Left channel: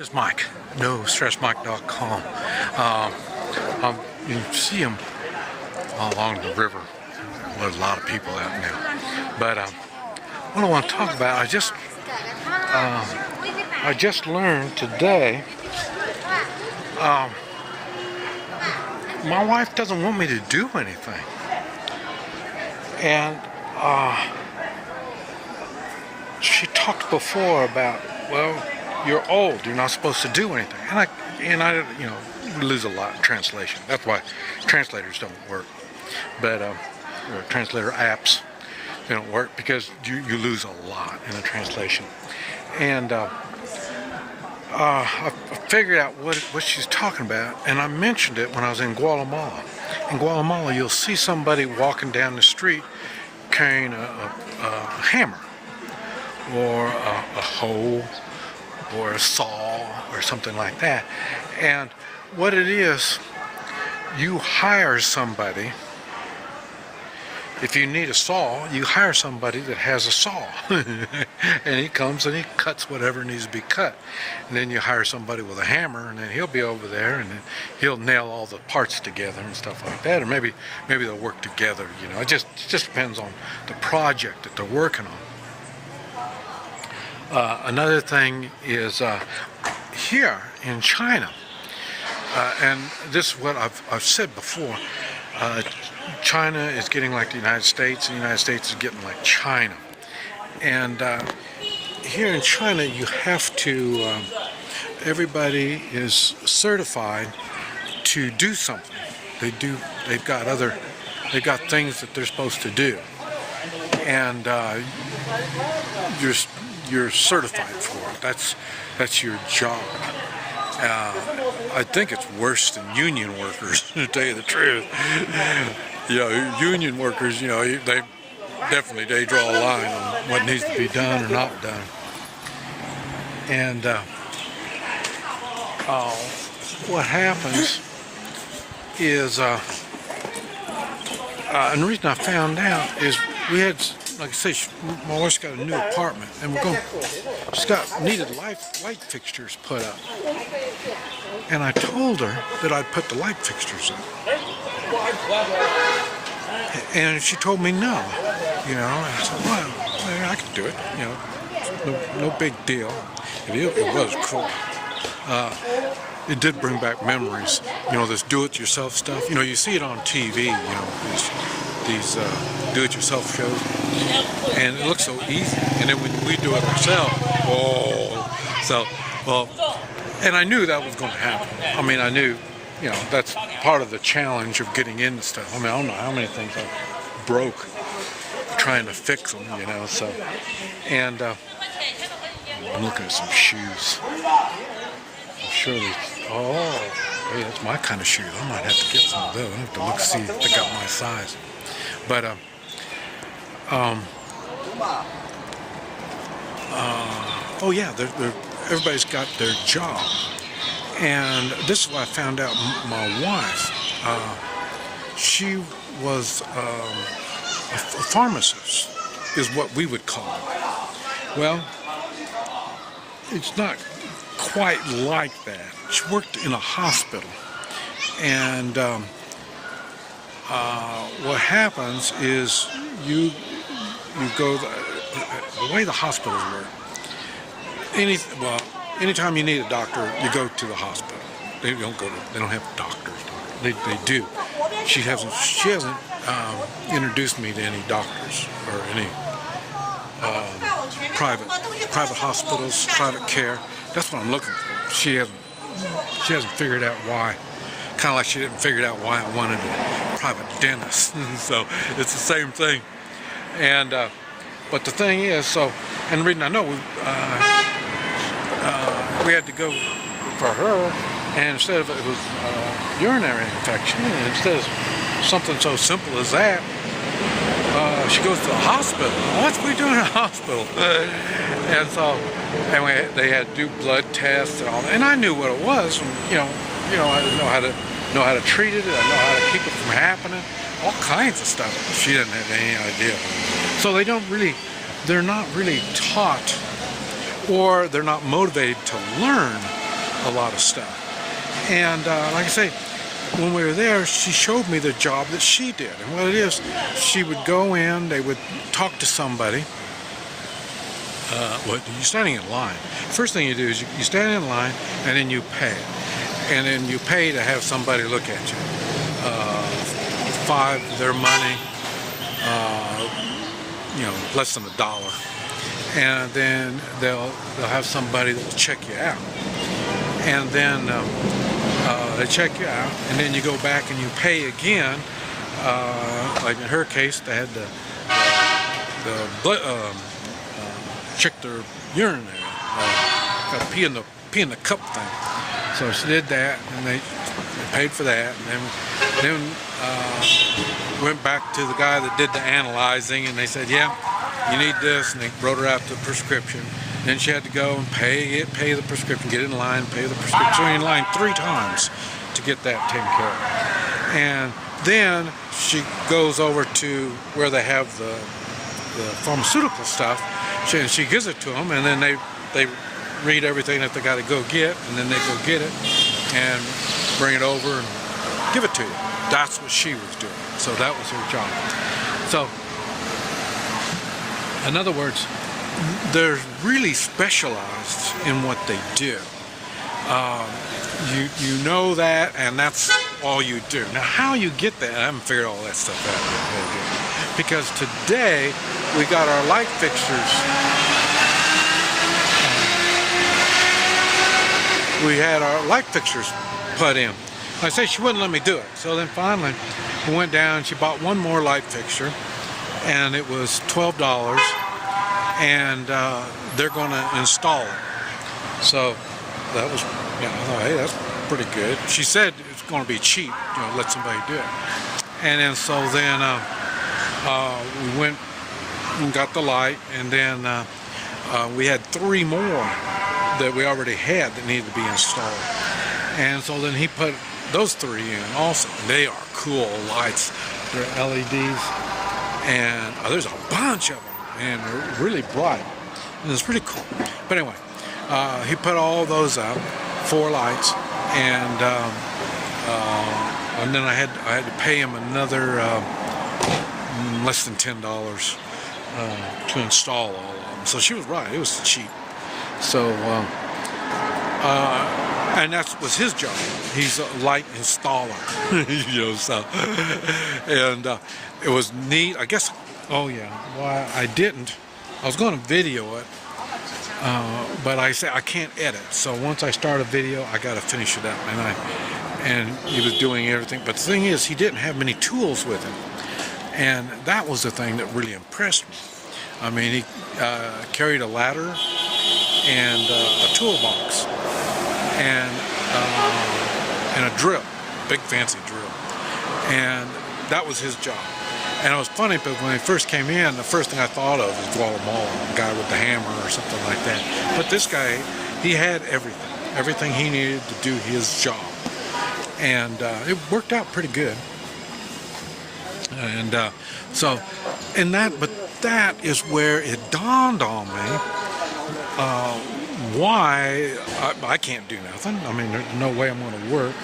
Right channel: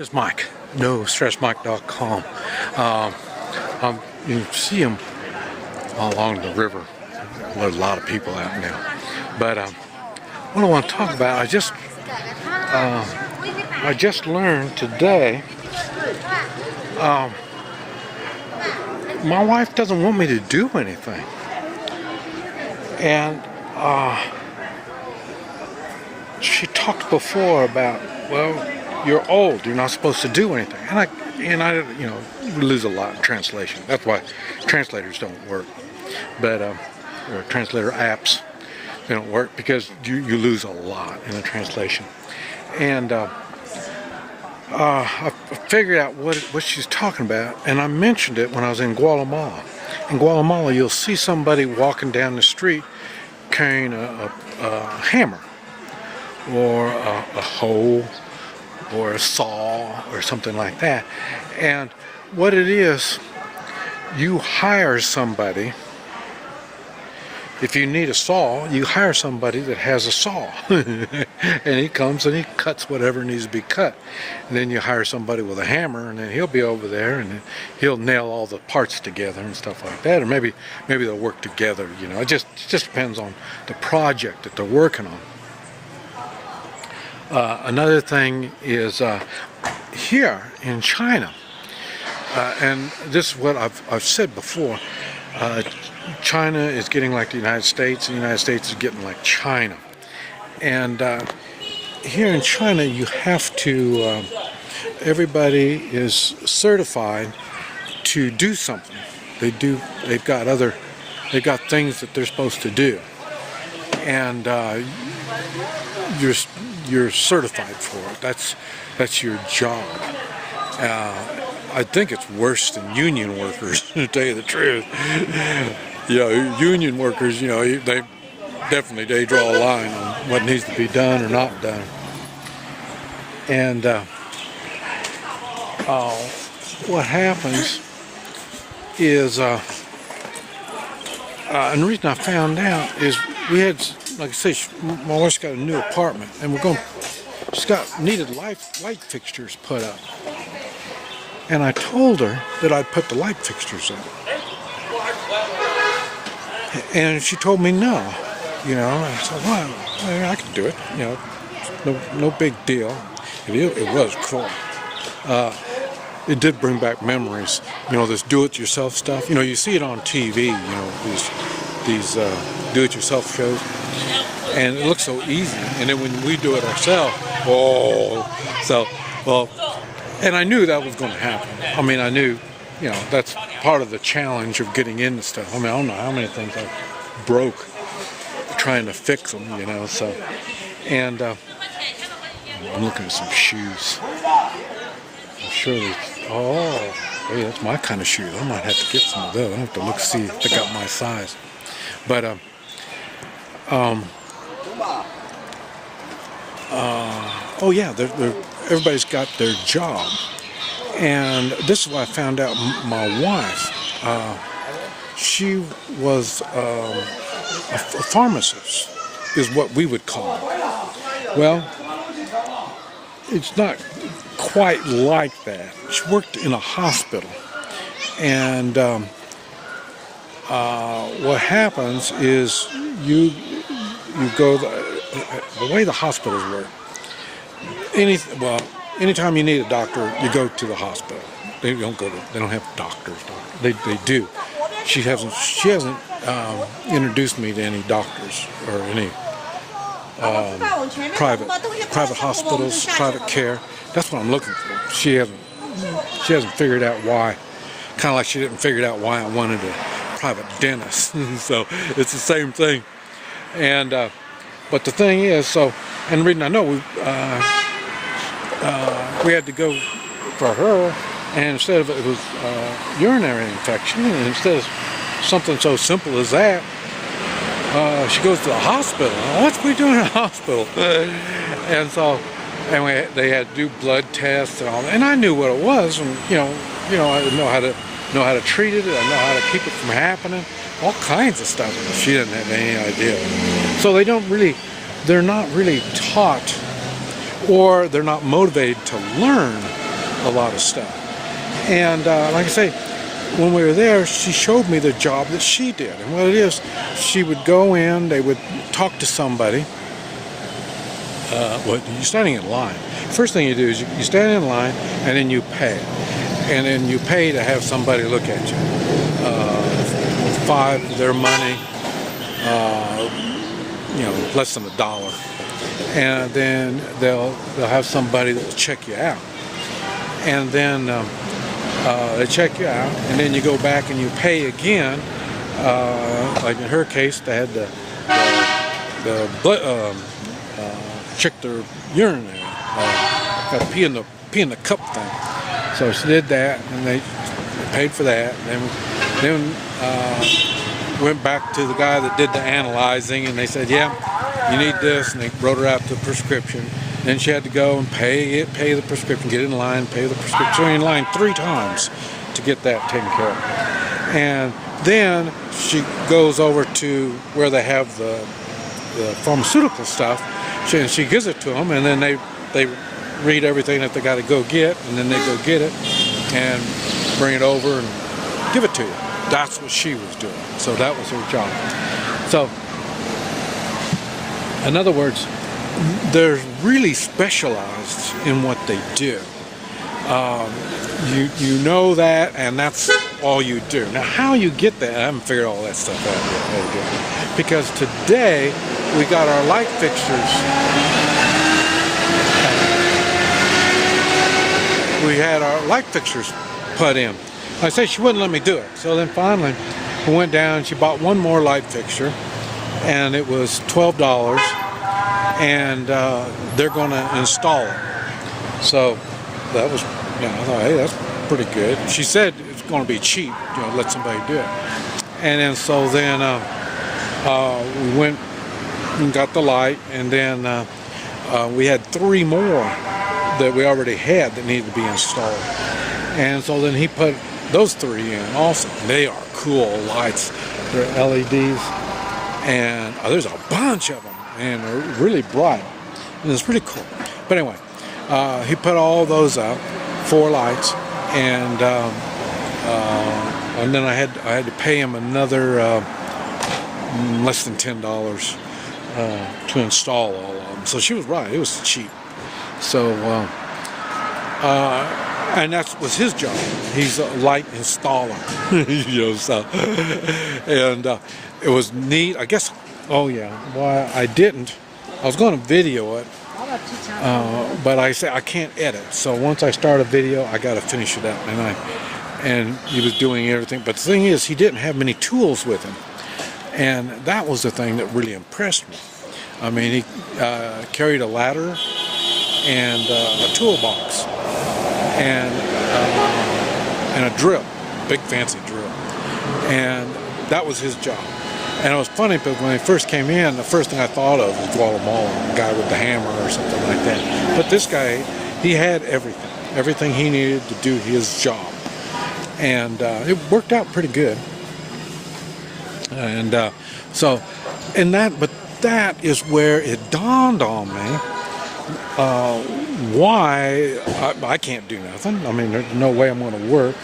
This is Mike, NoStressMike.com. You can see him along the river. There's a lot of people out now. But what I want to talk about, I just learned today. My wife doesn't want me to do anything, and she talked before about, well, you're old, you're not supposed to do anything. And I we lose a lot in translation. That's why translators don't work. But or translator apps, they don't work because you lose a lot in the translation. And I figured out what she's talking about, and I mentioned it when I was in Guatemala. In Guatemala, you'll see somebody walking down the street carrying a hammer or a hoe or a saw or something like that. And what it is, you hire somebody. If you need a saw, you hire somebody that has a saw. And he comes and he cuts whatever needs to be cut. And then you hire somebody with a hammer, and then he'll be over there and he'll nail all the parts together and stuff like that. Or maybe they'll work together, It just depends on the project that they're working on. Another thing is here in China, and this is what I've said before, China is getting like the United States, and the United States is getting like China. And here in China, you have to, everybody is certified to do something. They've got things that they're supposed to do. And you're certified for it. That's your job. I think it's worse than union workers, to tell you the truth. Union workers, they definitely draw a line on what needs to be done or not done. And what happens is, and the reason I found out is we had, like I say, my wife's got a new apartment, and she's needed light fixtures put up. And I told her that I'd put the light fixtures up. And she told me no. I said, well, I can do it. No big deal. It was cool. It did bring back memories. This do-it-yourself stuff. You see it on TV. These do-it-yourself shows, and it looks so easy. And then when we do it ourselves, and I knew that was going to happen. I knew, that's part of the challenge of getting into stuff. I don't know how many things I broke trying to fix them, so. And I'm looking at some shoes. I'm sure hey, that's my kind of shoes. I might have to get some of those. I have to look see if they got my size. But everybody's got their job, and this is what I found out. My wife, she was a pharmacist, is what we would call it. Well, it's not quite like that. She worked in a hospital, and what happens is you go the way the hospitals work. Anytime you need a doctor, you go to the hospital. They don't have doctors. They do. She hasn't introduced me to any doctors or any private hospitals, private care. That's what I'm looking for. She hasn't figured out why. Kind of like she didn't figure out why I wanted a private dentist. So it's the same thing. And but the thing is, and the reason I know we had to go for her, and instead of it was urinary infection, and instead of something so simple as that, she goes to the hospital. What's we doing in a hospital? And so, they had to do blood tests and all that, and I knew what it was, and I know how to treat it, I know how to keep it from happening, all kinds of stuff. She didn't have any idea. So they're not really taught, or they're not motivated to learn a lot of stuff. And like I say, when we were there, she showed me the job that she did. And what it is, she would go in, they would talk to somebody. You're standing in line. First thing you do is you stand in line, and then you pay. And then you pay to have somebody look at you. $5 their money, less than $1. And then they'll have somebody that will check you out. And then they check you out, and then you go back and you pay again. Like in her case, they had check their urinary, pee in the cup thing. So she did that, and they paid for that. And then went back to the guy that did the analyzing, and they said, "Yeah, you need this," and they wrote her out the prescription. Then she had to go and pay the prescription, get in line, pay the prescription. So in line 3 times to get that taken care of. And then she goes over to where they have the pharmaceutical stuff. She gives it to them, and then they read everything that they got to go get, and then they go get it and bring it over and give it to you. That's what she was doing. So that was her job. So, in other words, they're really specialized in what they do. You know that, and that's all you do. Now, how you get that, I haven't figured all that stuff out yet. Because today, we got our light fixtures. We had our light fixtures put in. I say she wouldn't let me do it. So then finally, we went down and she bought one more light fixture, and it was $12. And they're going to install it. So that was, I thought, hey, that's pretty good. She said it's going to be cheap, let somebody do it. And then so then we went and got the light, and then we had 3 more that we already had that needed to be installed. And so then he put those 3 in also. They are cool lights. They're LEDs, and there's a bunch of them. And they're really bright, and it's pretty cool. But anyway, he put all those out, 4 lights, and then I had to pay him another less than $10 to install all of them. So she was right; it was cheap. So, and that was his job. He's a light installer, So, and it was neat. I guess. Oh yeah. Well, I didn't. I was going to video it, but I said I can't edit. So once I start a video, I got to finish it up. And he was doing everything. But the thing is, he didn't have many tools with him, and that was the thing that really impressed me. I mean, he carried a ladder and a toolbox and a drill, big fancy drill, and that was his job. And it was funny because when he first came in, the first thing I thought of was Guatemala, the guy with the hammer or something like that. But this guy, he had everything he needed to do his job. And it worked out pretty good. And but that is where it dawned on me why I can't do nothing. I mean, there's no way I'm going to work.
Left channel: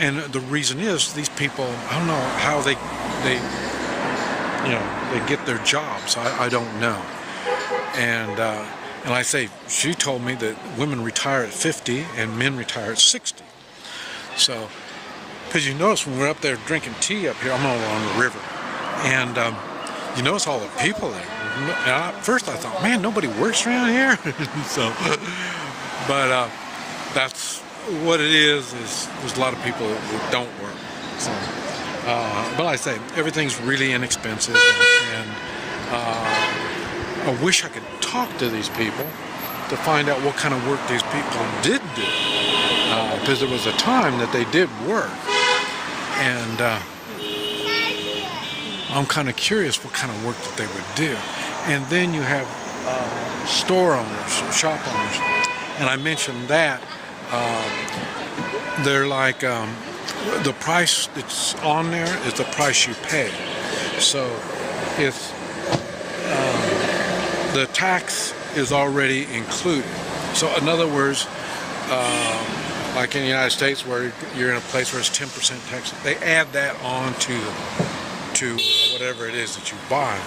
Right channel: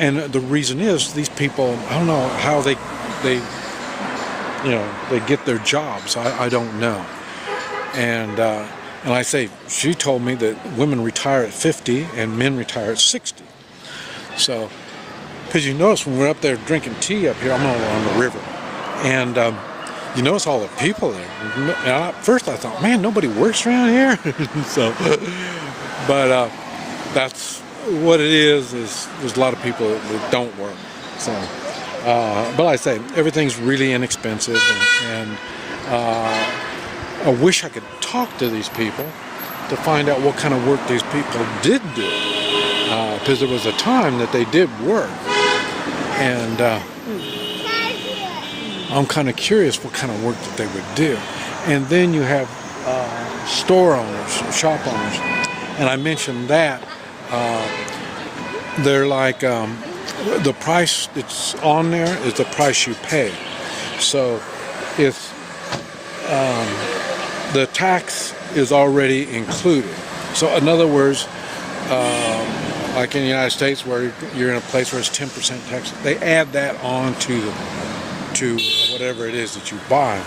And the reason is these people, I don't know how they get their jobs. I don't know. And I say, she told me that women retire at 50 and men retire at 60. So, because you notice when we're up there drinking tea up here, I'm on the river, and you notice all the people there. And at first I thought, man, nobody works around here. But that's what it is there's a lot of people that don't work. So, but like I say, everything's really inexpensive, and I wish I could talk to these people to find out what kind of work these people did do, because there was a time that they did work, and I'm kind of curious what kind of work that they would do. And then you have store owners, shop owners, and I mentioned that. They're like the price that's on there is the price you pay. So if the tax is already included, So in other words, like in the United States, where you're in a place where it's 10% tax, they add that on to whatever it is that you buy.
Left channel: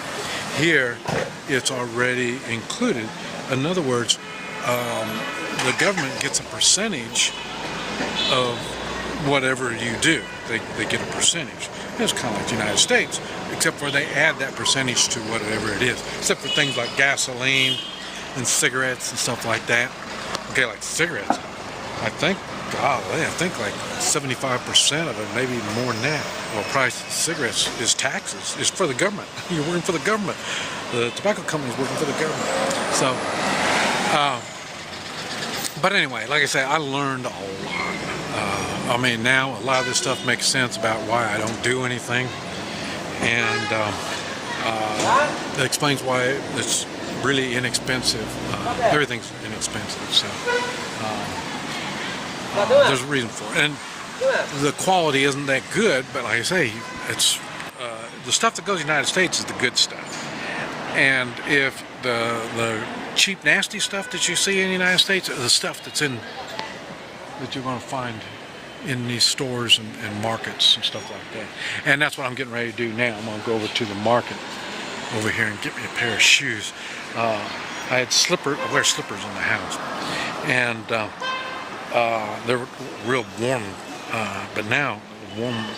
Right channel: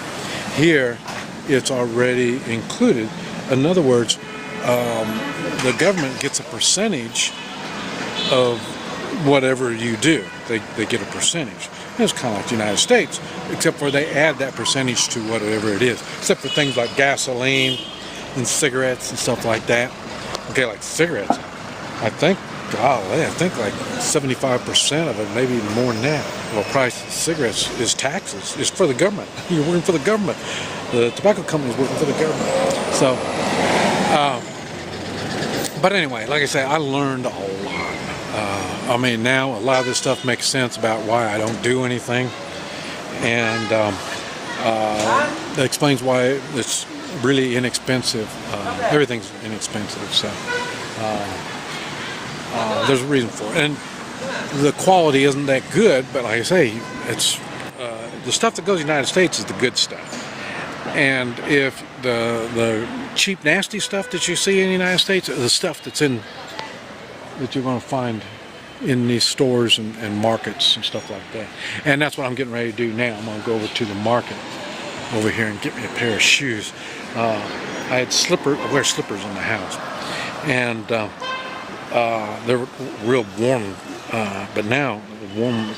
Here, it's already included. In other words, the government gets a percentage of whatever you do. They get a percentage. It's kind of like the United States, except for they add that percentage to whatever it is, except for things like gasoline and cigarettes and stuff like that. Okay, like cigarettes, I think like 75% of it, maybe even more than that. Well, price of cigarettes is taxes. It's for the government. You're working for the government. The tobacco company is working for the government. So, but anyway, like I say, I learned a lot. I mean, now a lot of this stuff makes sense about why I don't do anything, and that explains why it's really inexpensive. Everything's inexpensive, so there's a reason for it. And the quality isn't that good, but like I say, it's the stuff that goes to the United States is the good stuff. And if the cheap, nasty stuff that you see in the United States is the stuff that you're going to find in these stores and markets and stuff like that. And that's what I'm getting ready to do now. I'm going to go over to the market over here and get me a pair of shoes. I wear slippers in the house, and they're real warm. But now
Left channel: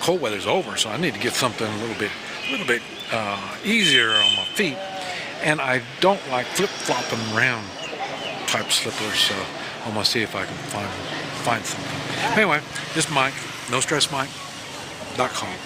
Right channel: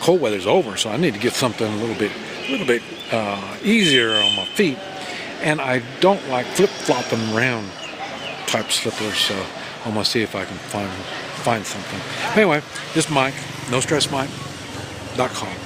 cold weather's over, so I need to get something a little bit easier on my feet. And I don't like flip-flopping around type slippers, so I'm gonna see if I can find something. Anyway, this is Mike, NoStressMike.com.